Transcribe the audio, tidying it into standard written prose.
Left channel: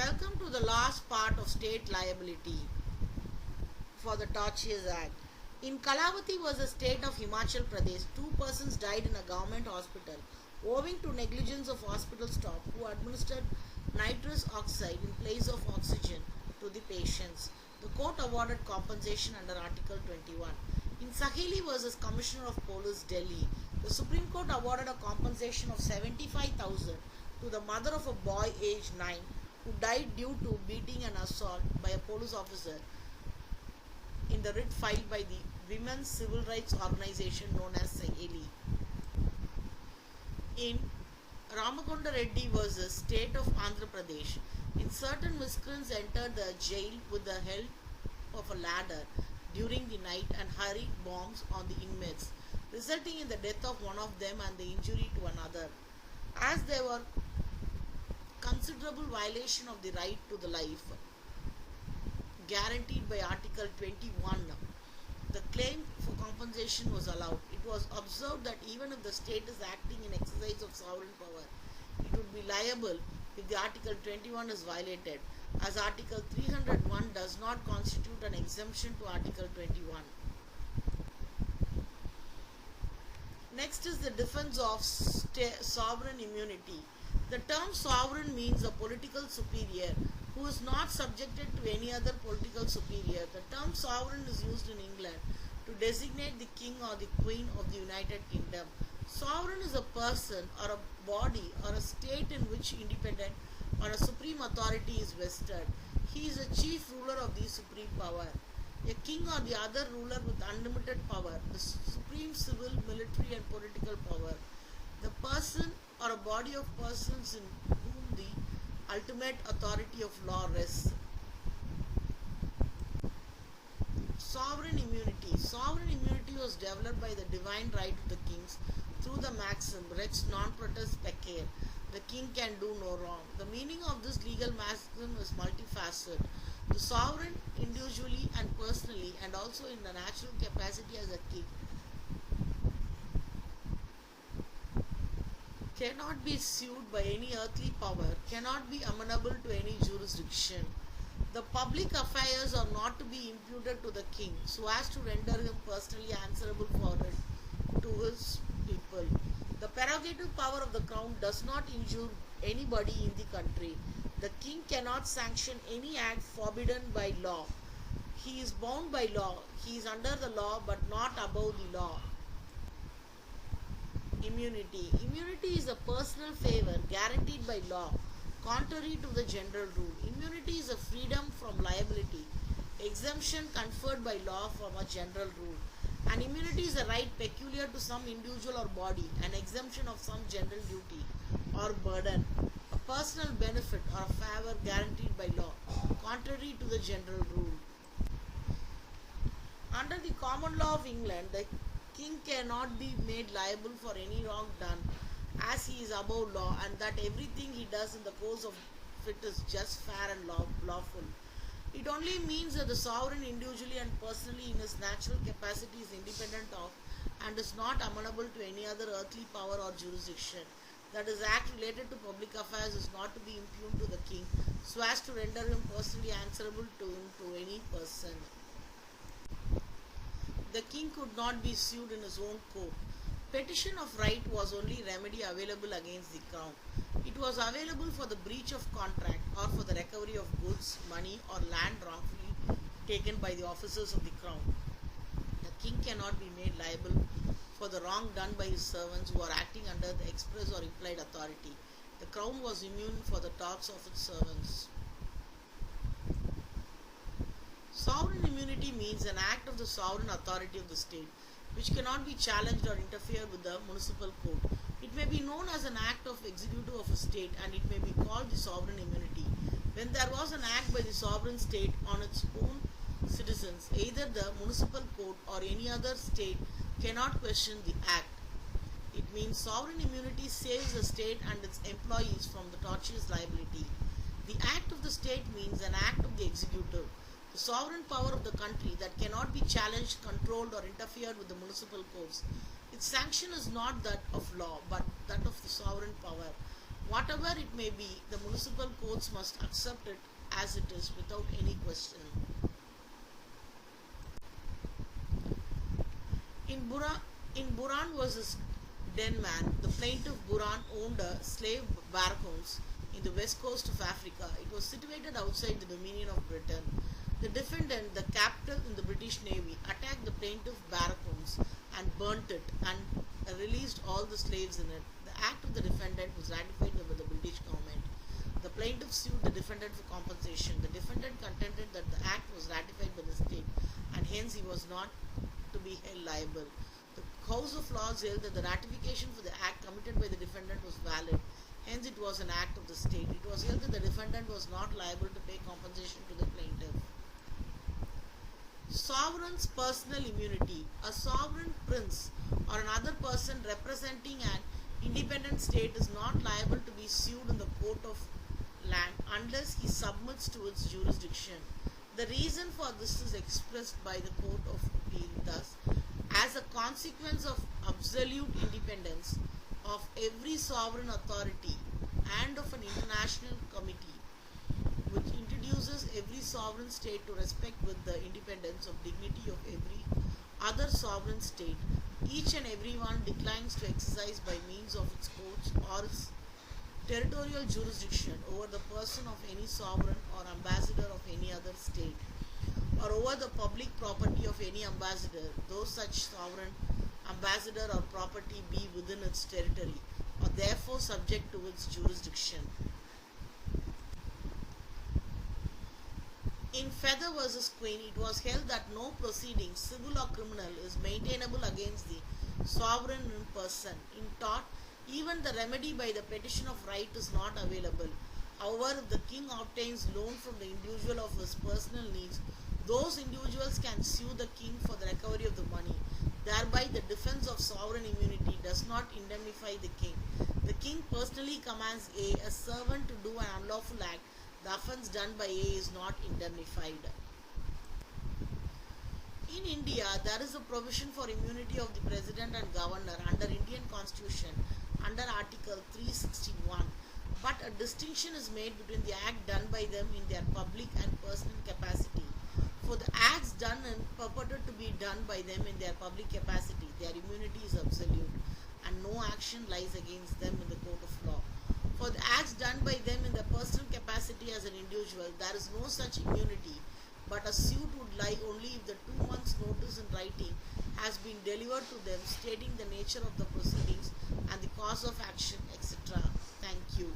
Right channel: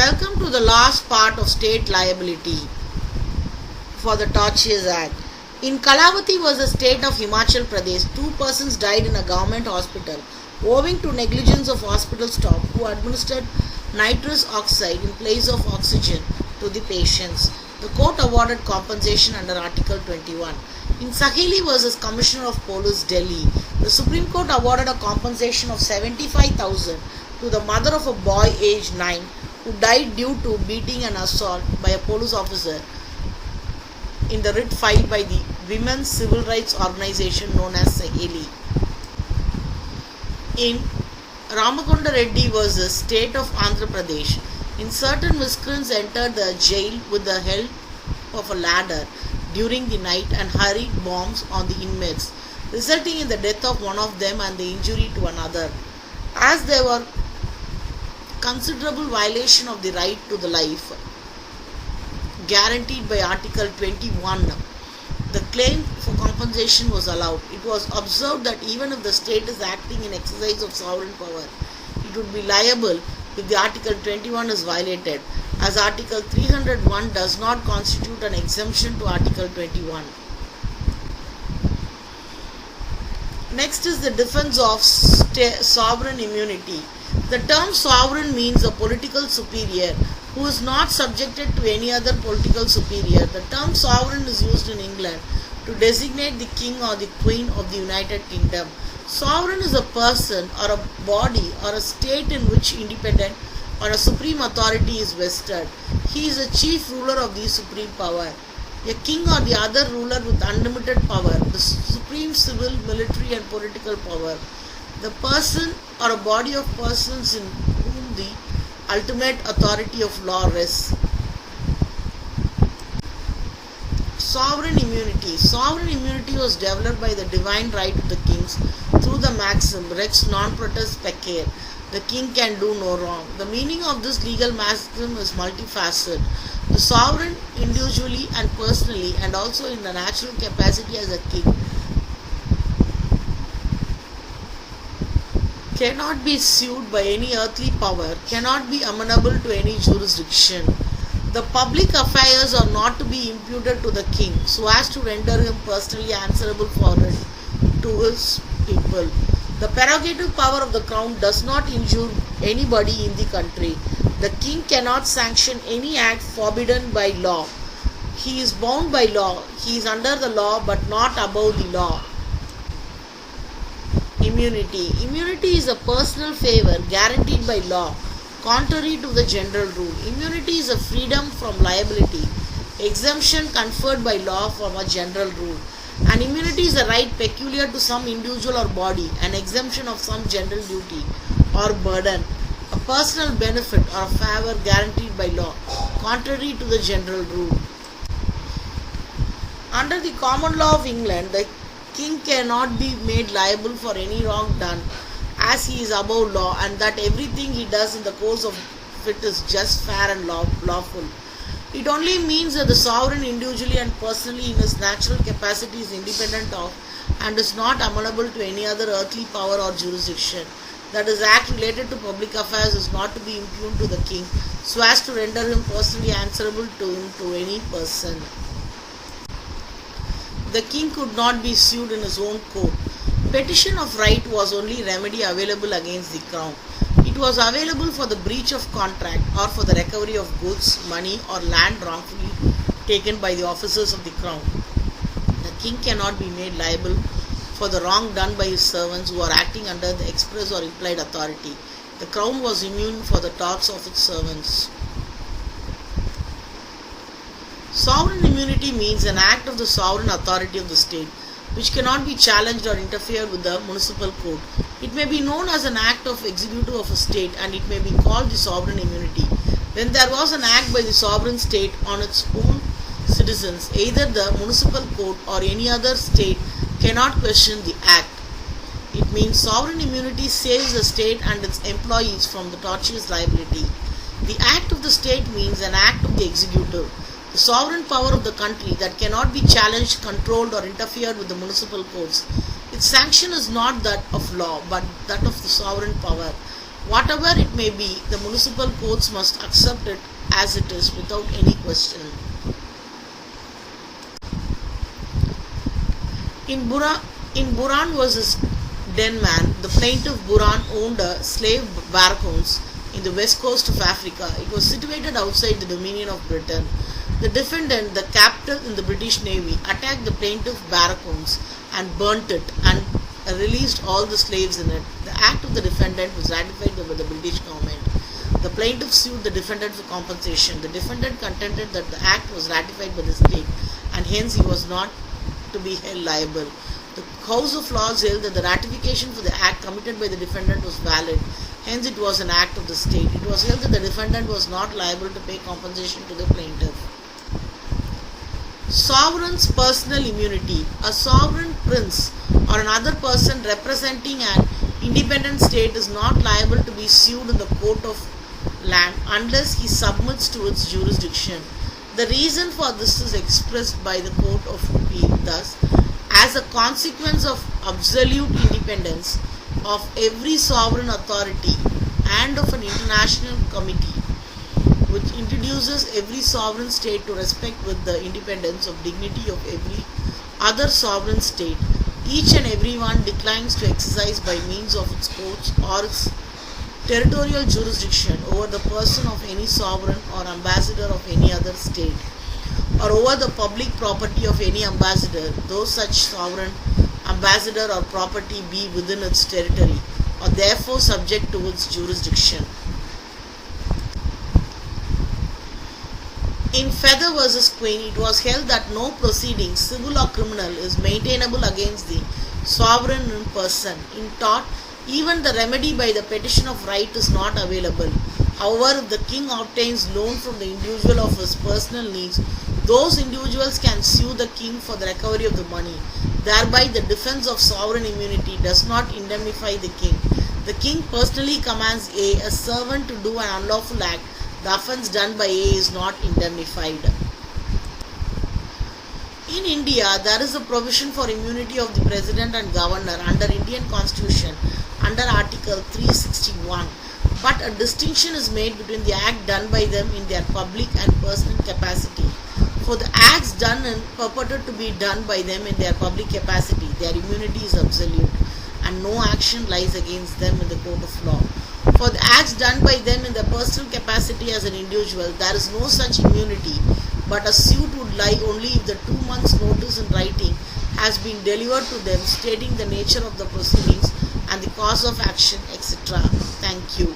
Welcome to the last part of state liability for the Tortious Act. In Kalavati was the state of Himachal Pradesh. Two persons died in a government hospital owing to negligence of hospital staff who administered nitrous oxide in place of oxygen to the patients. The court awarded compensation under Article 21. In Saheli versus Commissioner of Police, Delhi, the Supreme Court awarded a compensation of 75,000 to the mother of a boy aged 9 who died due to beating and assault by a police officer in the writ filed by the women's civil rights organization known as Saheli. In Ramakonda Reddy versus State of Andhra Pradesh, in certain miscreants entered the jail with the help of a ladder during the night and hurried bombs on the inmates, resulting in the death of one of them and the injury to another. As there were considerable violation of the right to the life guaranteed by Article 21, the claim for compensation was allowed. It was observed that even if the state is acting in exercise of sovereign power, it would be liable if the Article 21 is violated, as Article 301 does not constitute an exemption to Article 21. Next is the defense of sovereign immunity. The term sovereign means a political superior who is not subjected to any other political superior. The term sovereign is used in England to designate the king or the queen of the United Kingdom. Sovereign is a person or a body or a state in which independent or a supreme authority is vested. He is a chief ruler of the supreme power. A king or the other ruler with unlimited power, the supreme civil, military and political power. The person or a body of persons in whom the ultimate authority of law rests. Sovereign immunity. Sovereign immunity was developed by the divine right of the kings through the maxim Rex non potest pecare. The king can do no wrong. The meaning of this legal maxim is multifaceted. The sovereign, individually and personally, and also in the natural capacity as a king, cannot be sued by any earthly power, cannot be amenable to any jurisdiction. The public affairs are not to be imputed to the king so as to render him personally answerable for it to his people. The prerogative power of the crown does not injure anybody in the country. The king cannot sanction any act forbidden by law. He is bound by law. He is under the law but not above the law. Immunity. Immunity is a personal favor guaranteed by law, contrary to the general rule. Immunity is a freedom from liability, exemption conferred by law from a general rule. And immunity is a right peculiar to some individual or body, an exemption of some general duty or burden, a personal benefit or a favor guaranteed by law, contrary to the general rule. Under the common law of England, the king cannot be made liable for any wrong done, as he is above law, and that everything he does in the course of it is just, fair and lawful. It only means that the sovereign individually and personally in his natural capacity is independent of and is not amenable to any other earthly power or jurisdiction. That his act related to public affairs is not to be impugned to the king so as to render him personally answerable to any person. The king could not be sued in his own court. Petition of right was only remedy available against the crown. It was available for the breach of contract or for the recovery of goods, money or land wrongfully taken by the officers of the crown. The king cannot be made liable for the wrong done by his servants who are acting under the express or implied authority. The crown was immune for the torts of its servants. Sovereign immunity means an act of the sovereign authority of the state which cannot be challenged or interfered with the municipal court. It may be known as an act of executive of a state and it may be called the sovereign immunity. When there was an act by the sovereign state on its own citizens, either the municipal court or any other state cannot question the act. It means sovereign immunity saves the state and its employees from the tortious liability. The act of the state means an act of the executive, the sovereign power of the country that cannot be challenged, controlled or interfered with the municipal courts. Its sanction is not that of law but that of the sovereign power. Whatever it may be, the municipal courts must accept it as it is without any question. In Buran versus Denman, the plaintiff Buran owned a slave barracks in the west coast of Africa. It was situated outside the dominion of Britain. The defendant, the captain in the British Navy, attacked the plaintiff barracks and burnt it and released all the slaves in it. The act of the defendant was ratified by the British government. The plaintiff sued the defendant for compensation. The defendant contended that the act was ratified by the state and hence he was not to be held liable. The House of Lords held that the ratification for the act committed by the defendant was valid, hence it was an act of the state. It was held that the defendant was not liable to pay compensation to the plaintiff. Sovereign's personal immunity. A sovereign prince or another person representing an independent state is not liable to be sued in the court of land unless he submits to its jurisdiction. The reason for this is expressed by the Court of Appeal. Thus, as a consequence of absolute independence of every sovereign authority and of an international committee which introduces every sovereign state to respect with the independence of dignity of every other sovereign state, each and every one declines to exercise by means of its courts or its territorial jurisdiction over the person of any sovereign or ambassador of any other state, or over the public property of any ambassador, though such sovereign, ambassador or property be within its territory, or therefore subject to its jurisdiction. In Feather versus Queen, it was held that no proceeding, civil or criminal, is maintainable against the sovereign in person. In tort, even the remedy by the petition of right is not available. However, if the king obtains loan from the individual of his personal needs, those individuals can sue the king for the recovery of the money. Thereby, the defense of sovereign immunity does not indemnify the king. The king personally commands A, a servant, to do an unlawful act. The offence done by A is not indemnified. In India, there is a provision for immunity of the President and Governor under Indian Constitution under Article 361. But a distinction is made between the act done by them in their public and personal capacity. For the acts done and purported to be done by them in their public capacity, their immunity is absolute and no action lies against them in the court of law. For the acts done by them in their personal capacity as an individual, there is no such immunity, but a suit would lie only if the 2 months' notice in writing has been delivered to them stating the nature of the proceedings and the cause of action, etc. Thank you.